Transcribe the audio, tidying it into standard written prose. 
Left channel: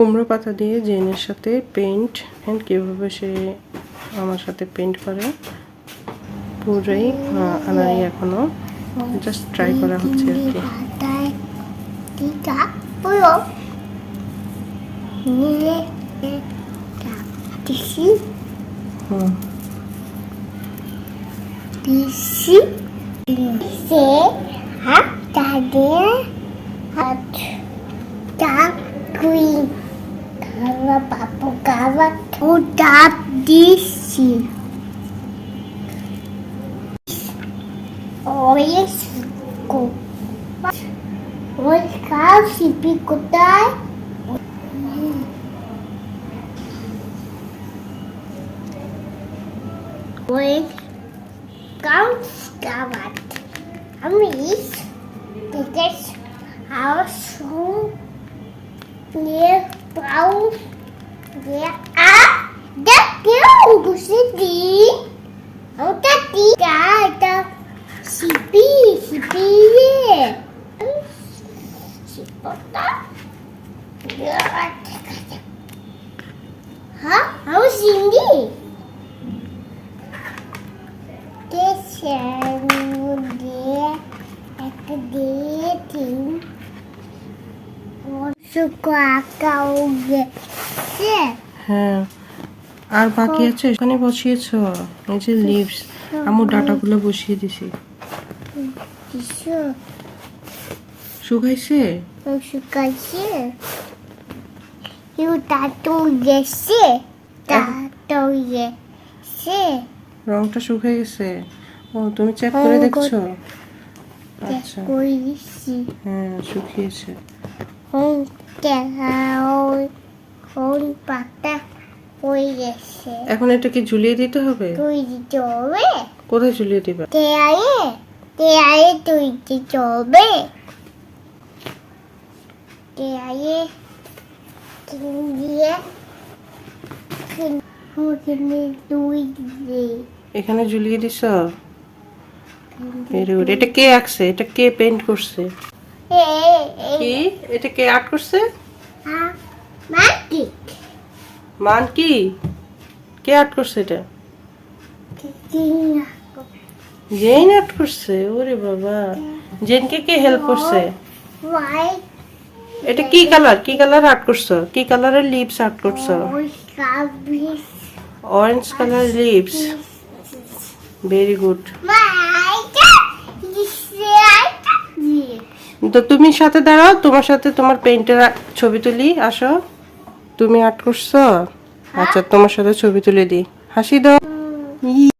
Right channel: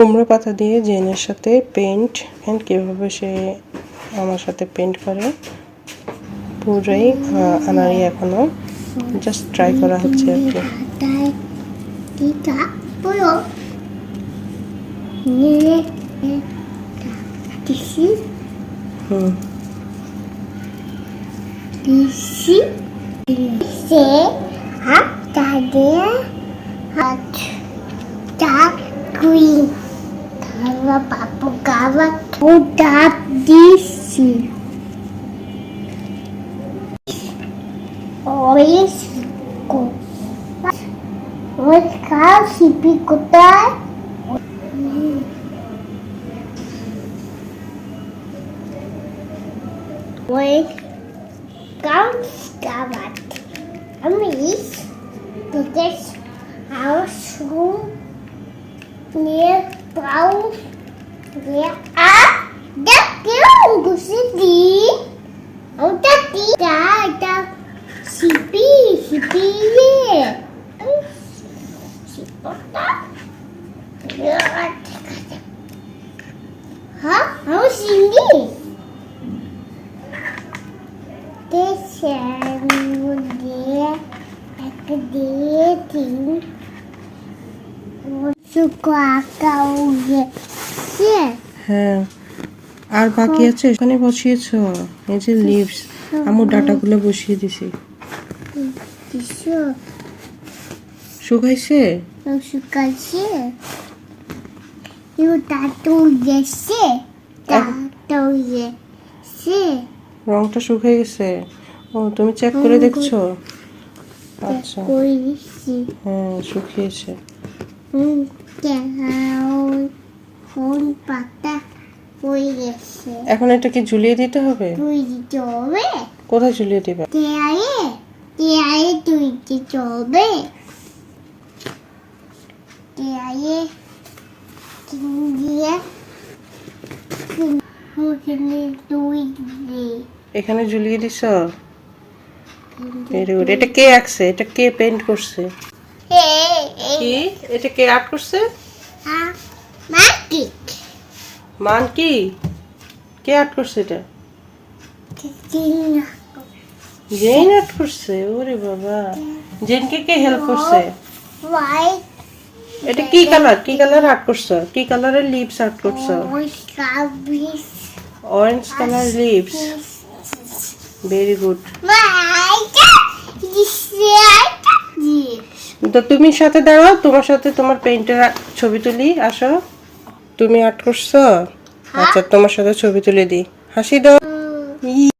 কুমড়ো পাতা দিয়ে জেনের সাথে পেন্ট কিভাবে সে আমার সাথে পেন্ট করে পুরোই আনারি এখনো জাস্ট ট্রাই করা হচ্ছে আর কি। Papo gava o tap disse. Olha fico. Olha cá, se picotar. Olha ganz gavat. Amis, das Haus mir braucht der daqui eu gostei o daqui da sipi se pota ha how sindi হ্যাঁ আর বাকি আছে এখানে বসিয়েছো এই যে leaves আমু ডাটাগুলো বসিয়ে দিছি শুকাইছে রংটা শুকিয়ে গেছে ও তুমি চেক করে দেখছো আচ্ছা হ্যাঁ শুকিয়েছে এখন এটা কি ঝুলিয়ে দিতে হবে কোথায় ঝুলিয়ে দিবা এখানে ঝুলিয়ে দিছ এটা কে আঁকছে এটা কে পেইন্ট করছে কি এটা কে আর্ট করছে মান কি কে আর্ট করছে এটা জেন আর্ট করছে ওরে বাবা জেনকে কে হেল্প করছে এটা কি কালার আর্ট করছো কি কালারের লিপস আর্ট করছো orange colour lips very good তো তুমি সাথে দাঁড়াও তোমার সাথে তোমার পেইন্টের ছবি তুলি আসো তুমি আর্ট করছো আচ্ছা তোমার সাথে ছবি তুলে দিই হাসি দাও